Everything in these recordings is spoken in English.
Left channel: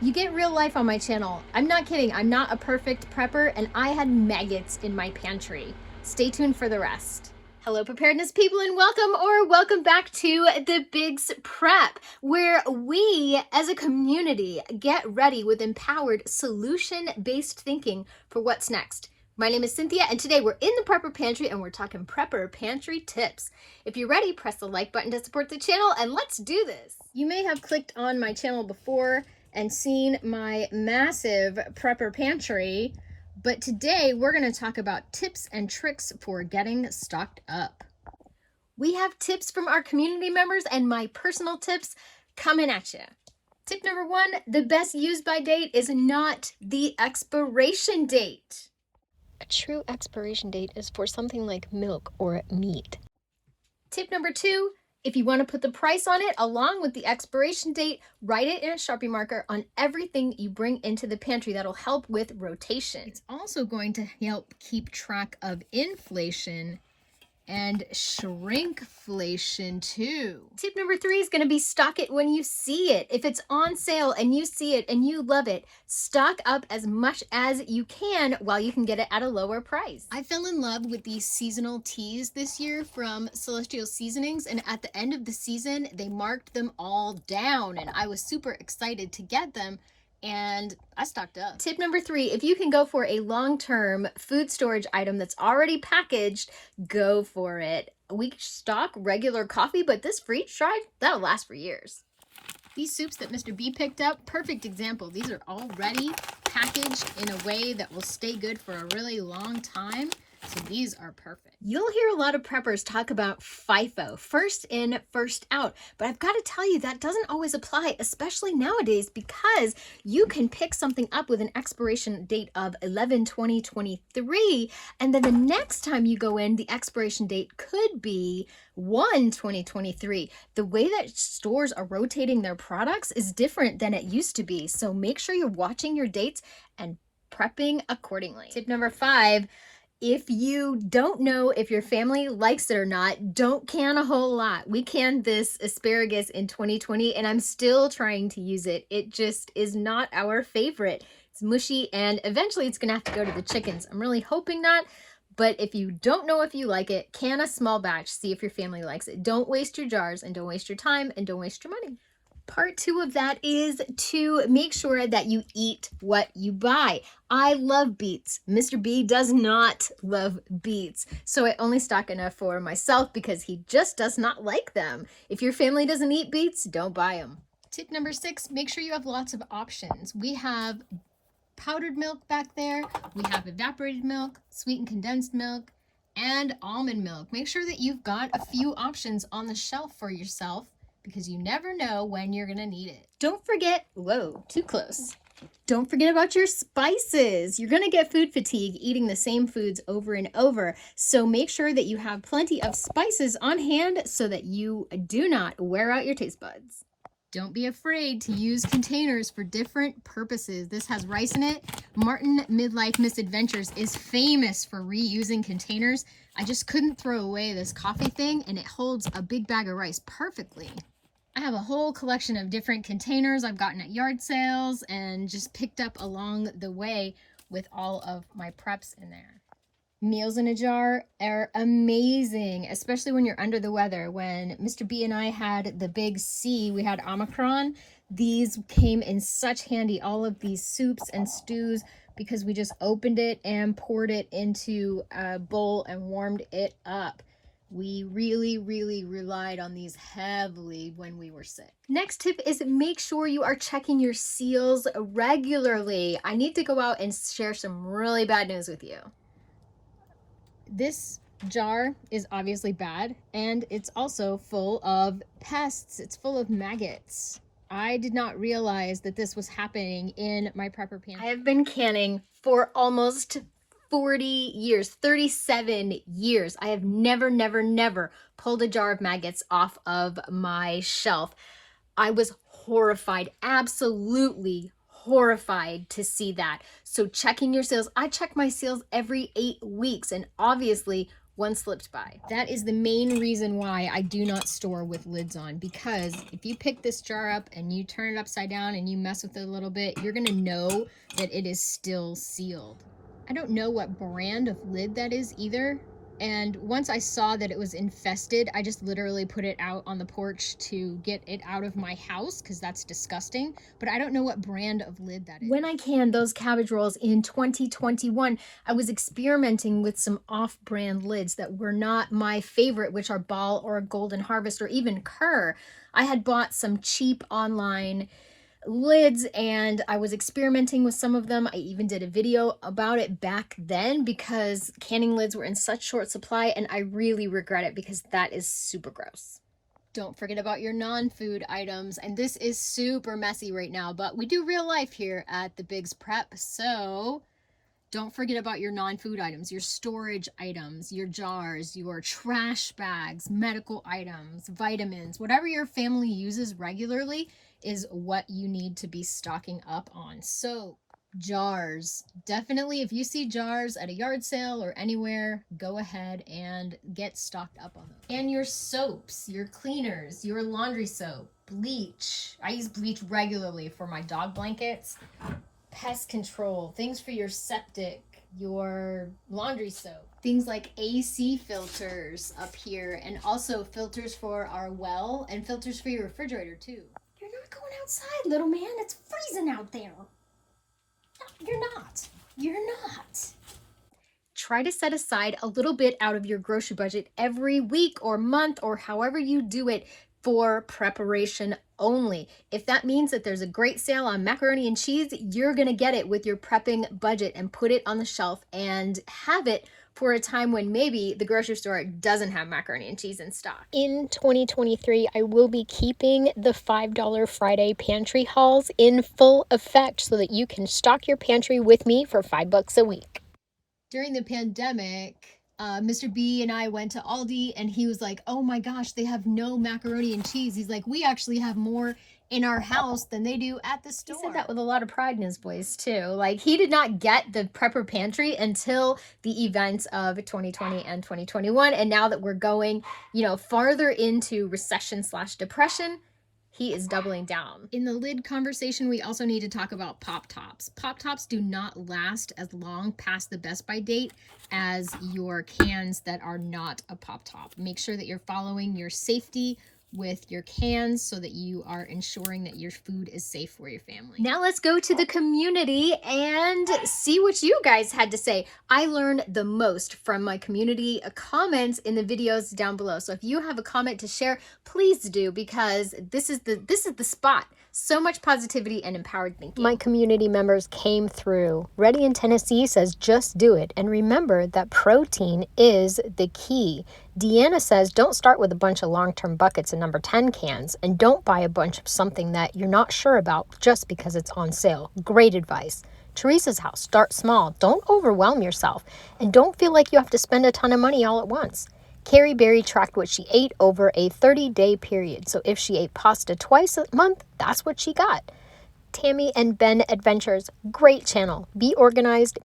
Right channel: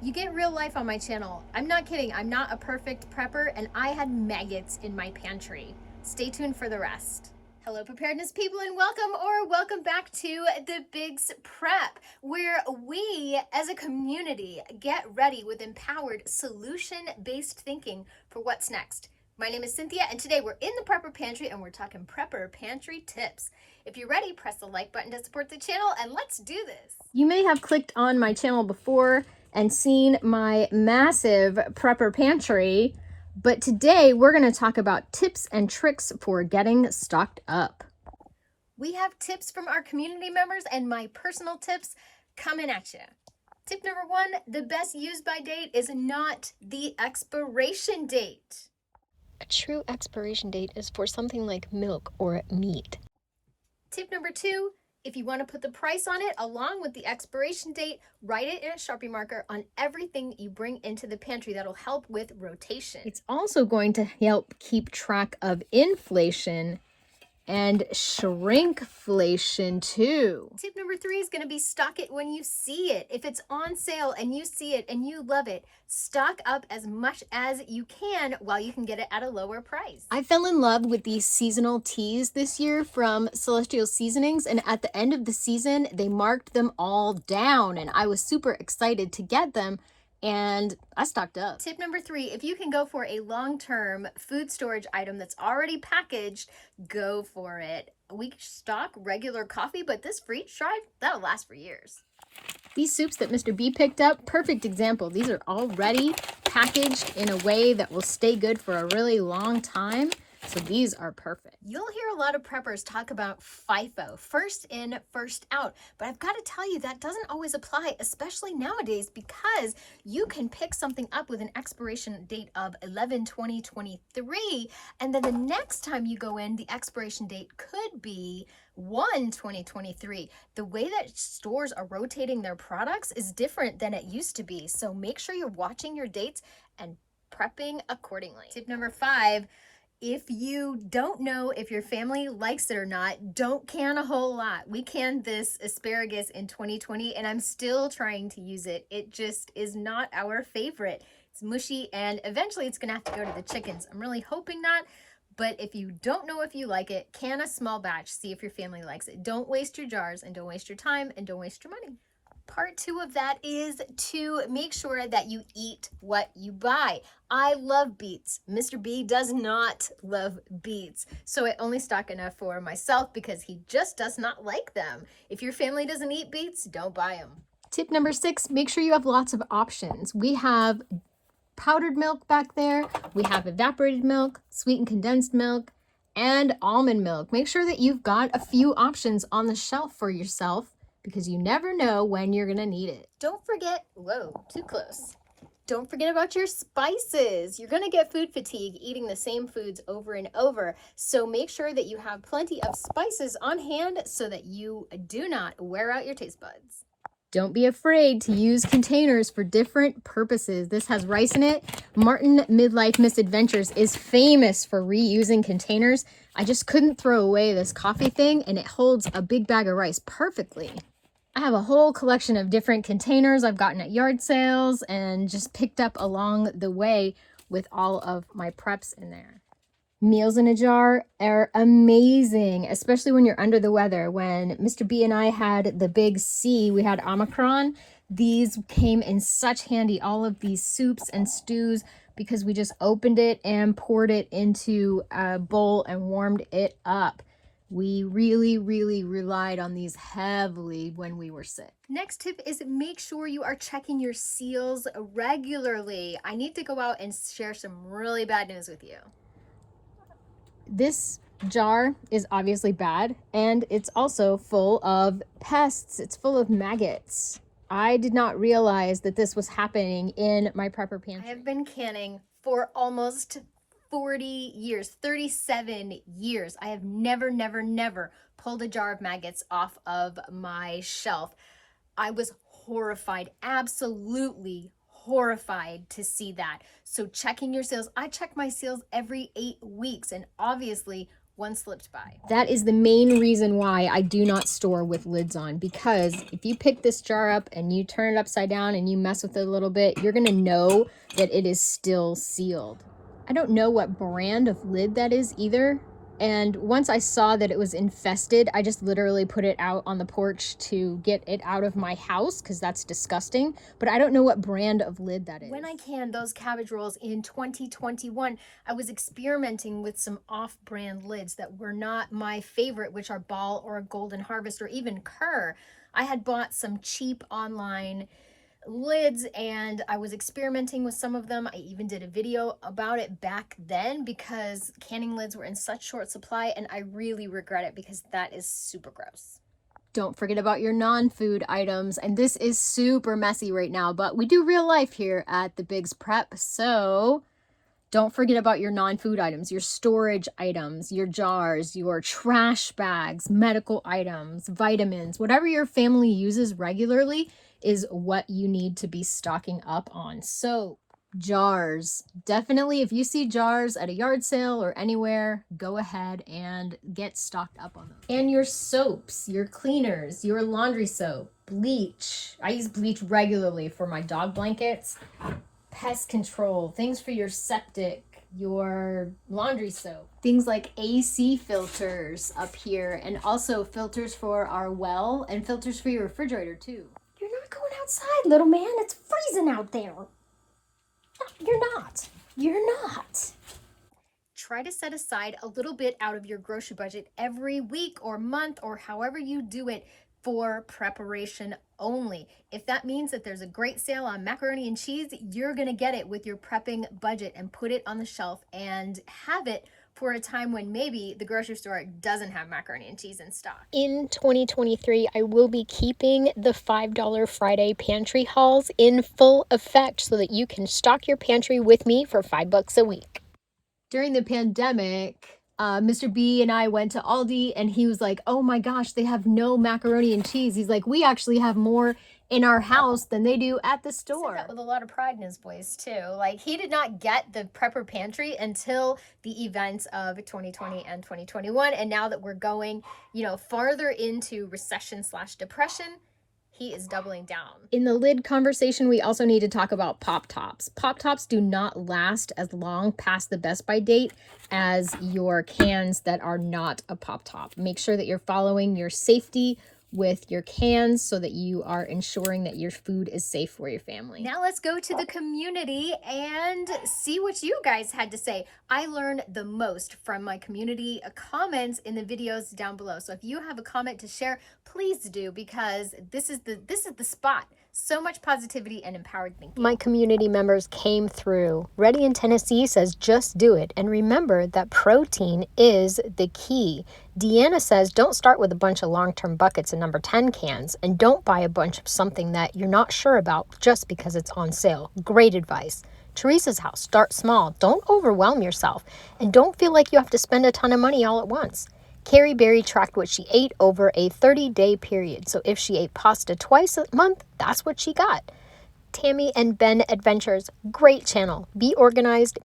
You get real life on my channel. I'm not kidding. I'm not a perfect prepper, and I had maggots in my pantry. Stay tuned for the rest. Hello, preparedness people, and welcome back to the Bigs Prep, where we as a community get ready with empowered solution-based thinking for what's next. My name is Cynthia, and today we're in the Prepper Pantry and we're talking Prepper Pantry tips. If you're ready, press the like button to support the channel, and let's do this. You may have clicked on my channel before and seen my massive Prepper Pantry, but today we're going to talk about tips and tricks for getting stocked up. We have tips from our community members and my personal tips coming at you. Tip number one, the best use by date is not the expiration date. A true expiration date is for something like milk or meat. Tip number two, if you want to put the price on it along with the expiration date, write it in a Sharpie marker on everything you bring into the pantry. That'll help with rotation. It's also going to help keep track of inflation and shrinkflation too. Tip number three is going to be stock it when you see it. If it's on sale and you see it and you love it, stock up as much as you can while you can get it at a lower price. I fell in love with these seasonal teas this year from Celestial Seasonings, and at the end of the season, they marked them all down, and I was super excited to get them. And I stocked up. Tip number three, if you can go for a long-term food storage item that's already packaged, go for it. We stock regular coffee, but this freeze dried, that'll last for years. These soups that Mr. B picked up, perfect example. These are already packaged in a way that will stay good for a really long time. So these are perfect. You'll hear a lot of preppers talk about FIFO, first in, first out. But I've got to tell you, that doesn't always apply, especially nowadays, because you can pick something up with an expiration date of 11/20/23, and then the next time you go in, the expiration date could be 1/20/23. The way that stores are rotating their products is different than it used to be. So make sure you're watching your dates and prepping accordingly. Tip number five, if you don't know if your family likes it or not, don't can a whole lot. We canned this asparagus in 2020 and I'm still trying to use it. It just is not our favorite. It's mushy and eventually it's gonna have to go to the chickens. I'm really hoping not, but if you don't know if you like it, can a small batch, see if your family likes it. Don't waste your jars and don't waste your time and don't waste your money. Part two of that is to make sure that you eat what you buy. I love beets. Mr. B does not love beets. So I only stock enough for myself because he just does not like them. If your family doesn't eat beets, don't buy them. Tip number six, make sure you have lots of options. We have powdered milk back there. We have evaporated milk, sweetened condensed milk, and almond milk. Make sure that you've got a few options on the shelf for yourself, because you never know when you're gonna need it. Don't forget, whoa, too close. Don't forget about your spices. You're gonna get food fatigue eating the same foods over and over. So make sure that you have plenty of spices on hand so that you do not wear out your taste buds. Don't be afraid to use containers for different purposes. This has rice in it. Martin Midlife Misadventures is famous for reusing containers. I just couldn't throw away this coffee thing, and it holds a big bag of rice perfectly. I have a whole collection of different containers I've gotten at yard sales and just picked up along the way with all of my preps in there. Meals in a jar are amazing, especially when you're under the weather. When Mr. B and I had the big C, we had Omicron. These came in such handy, all of these soups and stews, because we just opened it and poured it into a bowl and warmed it up. We really relied on these heavily when we were sick. Next tip is make sure you are checking your seals regularly. I need to go out and share some really bad news with you. This jar is obviously bad, and it's also full of pests. It's full of maggots. I did not realize that this was happening in my prepper pantry. I have been canning for almost 40 years, 37 years. I have never pulled a jar of maggots off of my shelf. I was horrified, absolutely horrified to see that. So checking your seals, I check my seals every 8 weeks, and obviously one slipped by. That is the main reason why I do not store with lids on, because if you pick this jar up and you turn it upside down and you mess with it a little bit, you're gonna know that it is still sealed. I don't know what brand of lid that is either. And once I saw that it was infested, I just literally put it out on the porch to get it out of my house because that's disgusting. But I don't know what brand of lid that is. When I canned those cabbage rolls in 2021, I was experimenting with some off-brand lids that were not my favorite, which are Ball or Golden Harvest or even Kerr. I had bought some cheap online lids and I was experimenting with some of them. I even did a video about it back then because canning lids were in such short supply, and I really regret it because that is super gross. Don't forget about your non-food items. And this is super messy right now, but we do real life here at the Biggs Prep. So don't forget about your non-food items, your storage items, your jars, your trash bags, medical items, vitamins, whatever your family uses regularly is what you need to be stocking up on. So jars, definitely if you see jars at a yard sale or anywhere, go ahead and get stocked up on them. And your soaps, your cleaners, your laundry soap, bleach. I use bleach regularly for my dog blankets. Pest control, things for your septic, your laundry soap, things like AC filters up here, and also filters for our well and filters for your refrigerator too. You're not going outside, little man. It's freezing out there. No, you're not. You're not. Try to set aside a little bit out of your grocery budget every week or month or however you do it for preparation only. If that means that there's a great sale on macaroni and cheese, you're gonna get it with your prepping budget and put it on the shelf and have it for a time when maybe the grocery store doesn't have macaroni and cheese in stock. In 2023, I will be keeping the $5 Friday pantry hauls in full effect so that you can stock your pantry with me for $5 a week. During the pandemic, Mr. B and I went to Aldi and he was like, oh my gosh, they have no macaroni and cheese. He's like, we actually have more in our house than they do at the store. He said that with a lot of pride in his voice too. Like, he did not get the prepper pantry until the events of 2020 and 2021. And now that we're going, farther into recession/depression, he is doubling down. In the lid conversation, we also need to talk about Pop Tops. Pop Tops do not last as long past the best by date as your cans that are not a Pop Top. Make sure that you're following your safety with your cans so that you are ensuring that your food is safe for your family. Now let's go to the community and see what you guys had to say. I learned the most from my community comments in the videos down below. So if you have a comment to share, please do, because this is the spot. So much positivity and empowered thinking. My community members came through. Reddy in Tennessee says, just do it. And remember that protein is the key. Deanna says, don't start with a bunch of long-term buckets and number 10 cans. And don't buy a bunch of something that you're not sure about just because it's on sale. Great advice. Teresa's house, start small. Don't overwhelm yourself. And don't feel like you have to spend a ton of money all at once. Carrie Berry tracked what she ate over a 30-day period. So if she ate pasta twice a month, that's what she got. Tammy and Ben Adventures, great channel. Be organized,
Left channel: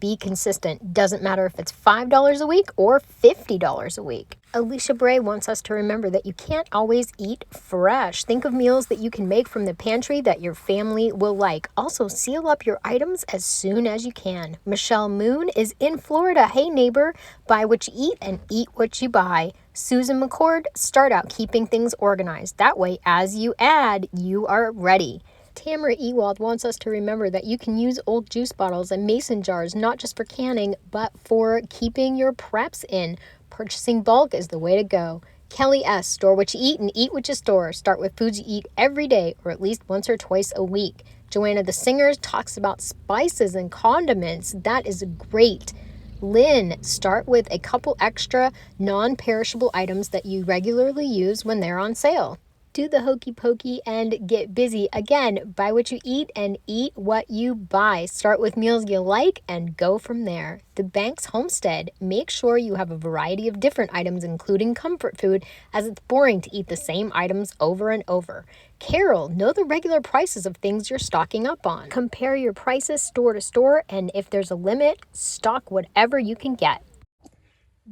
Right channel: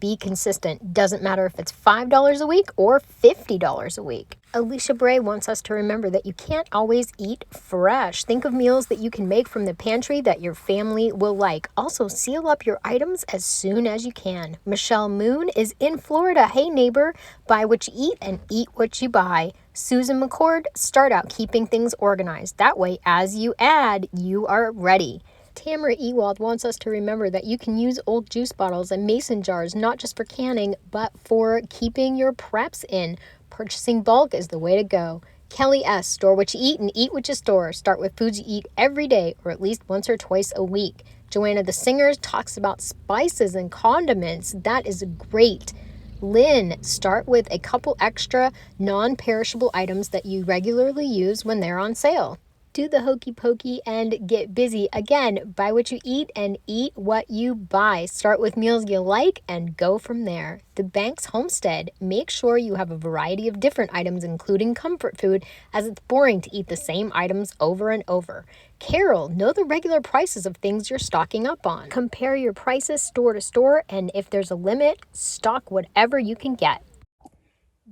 be consistent. Doesn't matter if it's $5 a week or $50 a week. Alicia Bray wants us to remember that you can't always eat fresh. Think of meals that you can make from the pantry that your family will like. Also, seal up your items as soon as you can. Michelle Moon is in Florida. Hey neighbor, buy what you eat and eat what you buy. Susan McCord, start out keeping things organized. That way, as you add, you are ready. Tamara Ewald wants us to remember that you can use old juice bottles and mason jars, not just for canning, but for keeping your preps in. Purchasing bulk is the way to go. Kelly S., store what you eat and eat what you store. Start with foods you eat every day or at least once or twice a week. Joanna the Singer talks about spices and condiments. That is great. Lynn, start with a couple extra non-perishable items that you regularly use when they're on sale. Do the hokey pokey and get busy. Again, buy what you eat and eat what you buy. Start with meals you like and go from there. The Banks Homestead. Make sure you have a variety of different items, including comfort food, as it's boring to eat the same items over and over. Carol, know the regular prices of things you're stocking up on. Compare your prices store to store, and if there's a limit, stock whatever you can get.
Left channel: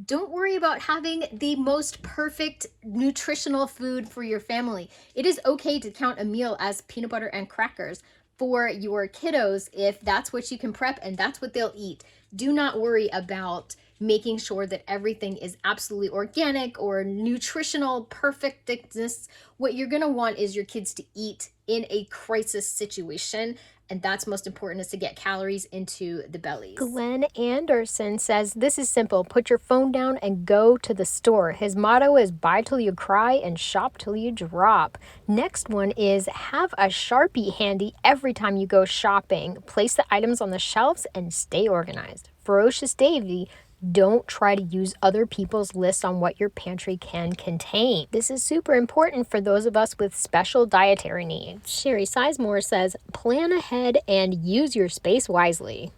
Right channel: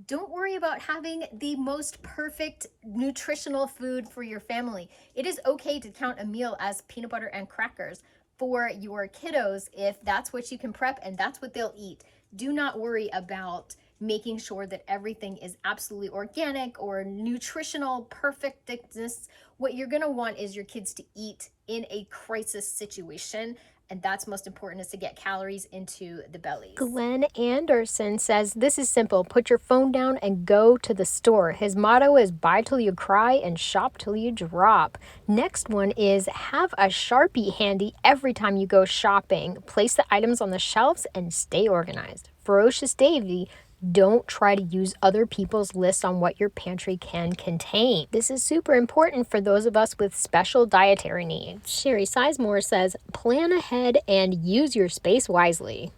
Don't worry about having the most perfect nutritional food for your family. It is okay to count a meal as peanut butter and crackers for your kiddos if that's what you can prep and that's what they'll eat. Do not worry about making sure that everything is absolutely organic or nutritional perfectness. What you're going to want is your kids to eat in a crisis situation, and that's most important, is to get calories into the bellies. Glenn Anderson says this is simple. Put your phone down and go to the store. His motto is buy till you cry and shop till you drop. Next one is have a Sharpie handy every time you go shopping. Place the items on the shelves and stay organized. Ferocious Davy, don't try to use other people's lists on what your pantry can contain. This is super important for those of us with special dietary needs. Sherry Sizemore says, plan ahead and use your space wisely.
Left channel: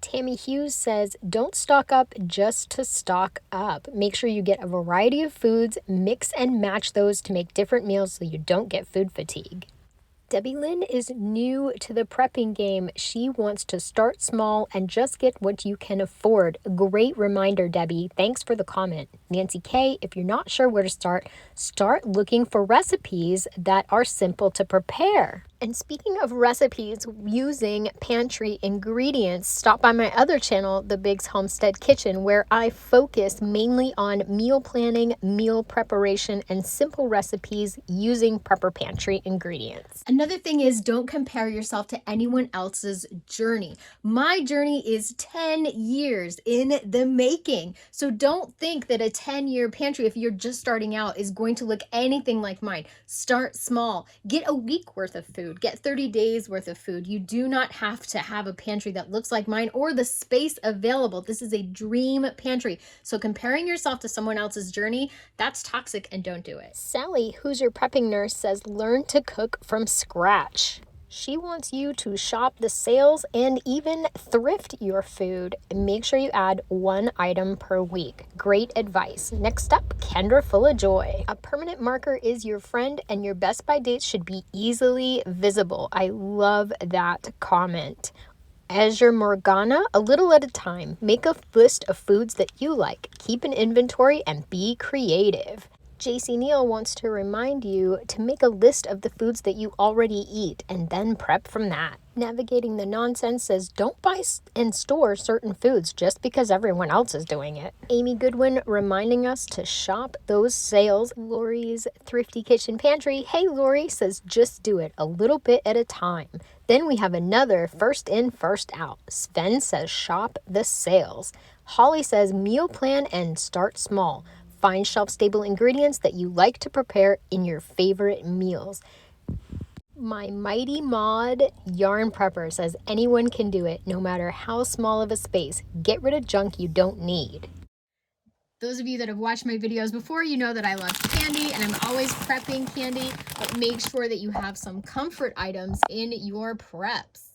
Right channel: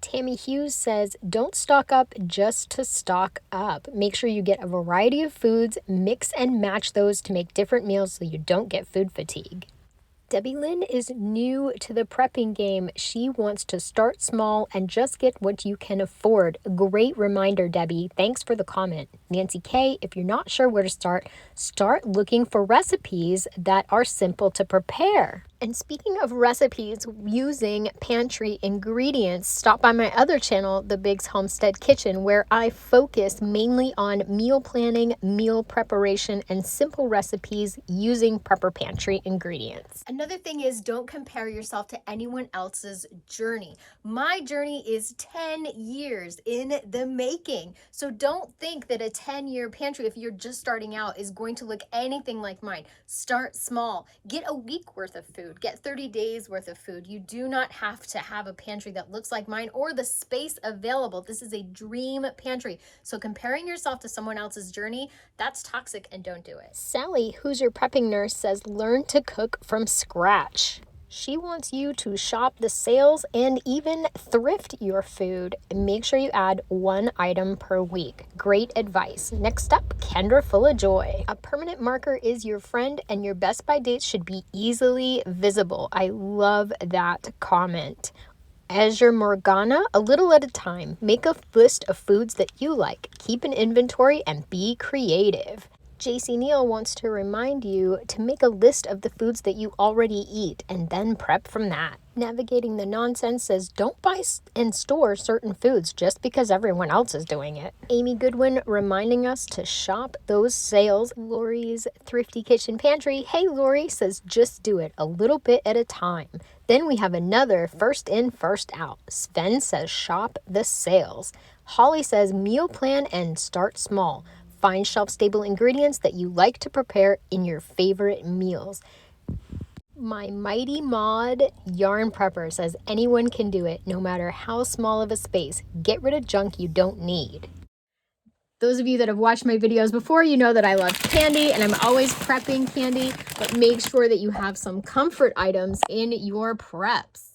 Tammy Hughes says, don't stock up just to stock up. Make sure you get a variety of foods, mix and match those to make different meals so you don't get food fatigue. Debbie Lynn is new to the prepping game. She wants to start small and just get what you can afford. Great reminder, Debbie. Thanks for the comment. Nancy K, if you're not sure where to start looking for recipes that are simple to prepare. And speaking of recipes using pantry ingredients, stop by my other channel, The Biggs Homestead Kitchen, where I focus mainly on meal planning, meal preparation, and simple recipes using Prepper Pantry ingredients. Another thing is, don't compare yourself to anyone else's journey. My journey is 10 years in the making. So don't think that a 10-year pantry, if you're just starting out, is going to look anything like mine. Start small. Get a week worth of food. Get 30 days worth of food. You do not have to have a pantry that looks like mine or the space available. This is a dream pantry. So comparing yourself to someone else's journey, that's toxic, and don't do it. Sally, who's your prepping nurse, says learn to cook from scratch. She wants you to shop the sales and even thrift your food. Make sure you add one item per week. Great advice. Next up, Kendra Full of Joy. A permanent marker is your friend and your best by dates should be easily visible. I love that comment. Azure Morgana, a little at a time. Make a list of foods that you like. Keep an inventory and be creative. JC Neal wants to remind you to make a list of the foods that you already eat and then prep from that. Navigating the Nonsense says don't buy and store certain foods just because everyone else is doing it. Amy Goodwin reminding us to shop those sales. Lori's Thrifty Kitchen Pantry, hey Lori, says just do it a little bit at a time. Then we have another first in, first out. Sven says shop the sales. Holly says meal plan and start small. Find shelf-stable ingredients that you like to prepare in your favorite meals. My Mighty Mod Yarn Prepper says anyone can do it, no matter how small of a space. Get rid of junk you don't need. Those of you that have watched my videos before, you know that I love candy and I'm always prepping candy, but make sure that you have some comfort items in your preps.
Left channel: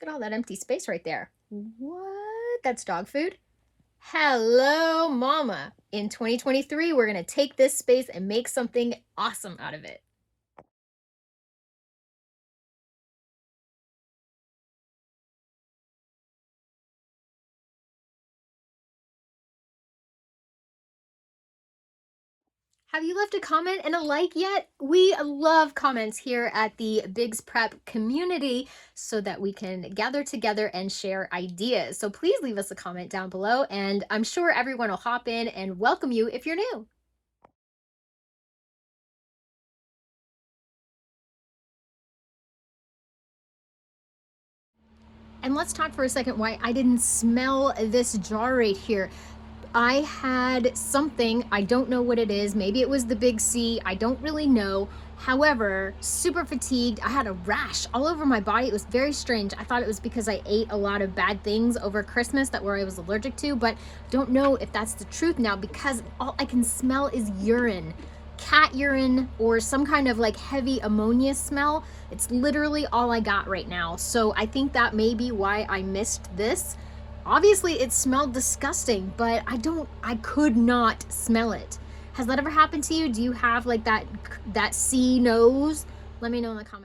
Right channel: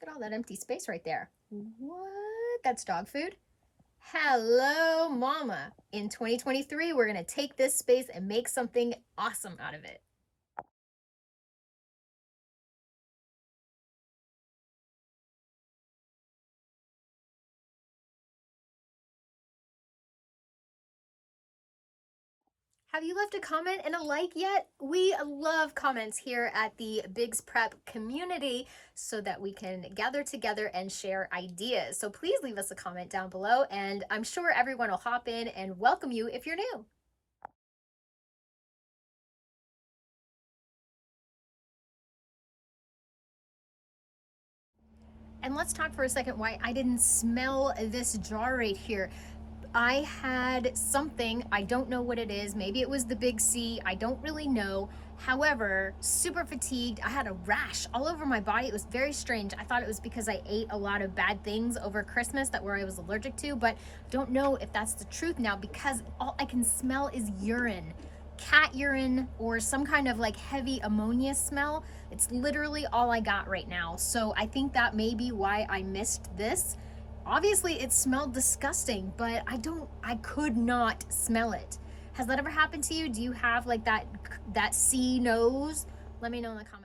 Look at all that empty space right there. What? That's dog food? Hello, Mama. In 2023, we're going to take this space and make something awesome out of it. Have you left a comment and a like yet? We love comments here at the Biggs Prep community so that we can gather together and share ideas. So please leave us a comment down below, and I'm sure everyone will hop in and welcome you if you're new. And let's talk for a second why I didn't smell this jar right here. I had something, I don't know what it is, maybe it was the big C, I don't really know. However, super fatigued, I had a rash all over my body. It was very strange. I thought it was because I ate a lot of bad things over Christmas that I was allergic to, but don't know if that's the truth now because all I can smell is urine. Cat urine or some kind of like heavy ammonia smell. It's literally all I got right now. So I think that may be why I missed this. Obviously it smelled disgusting, but I could not smell it. Has that ever happened to you? Do you have like that C nose? Let me know in the comments.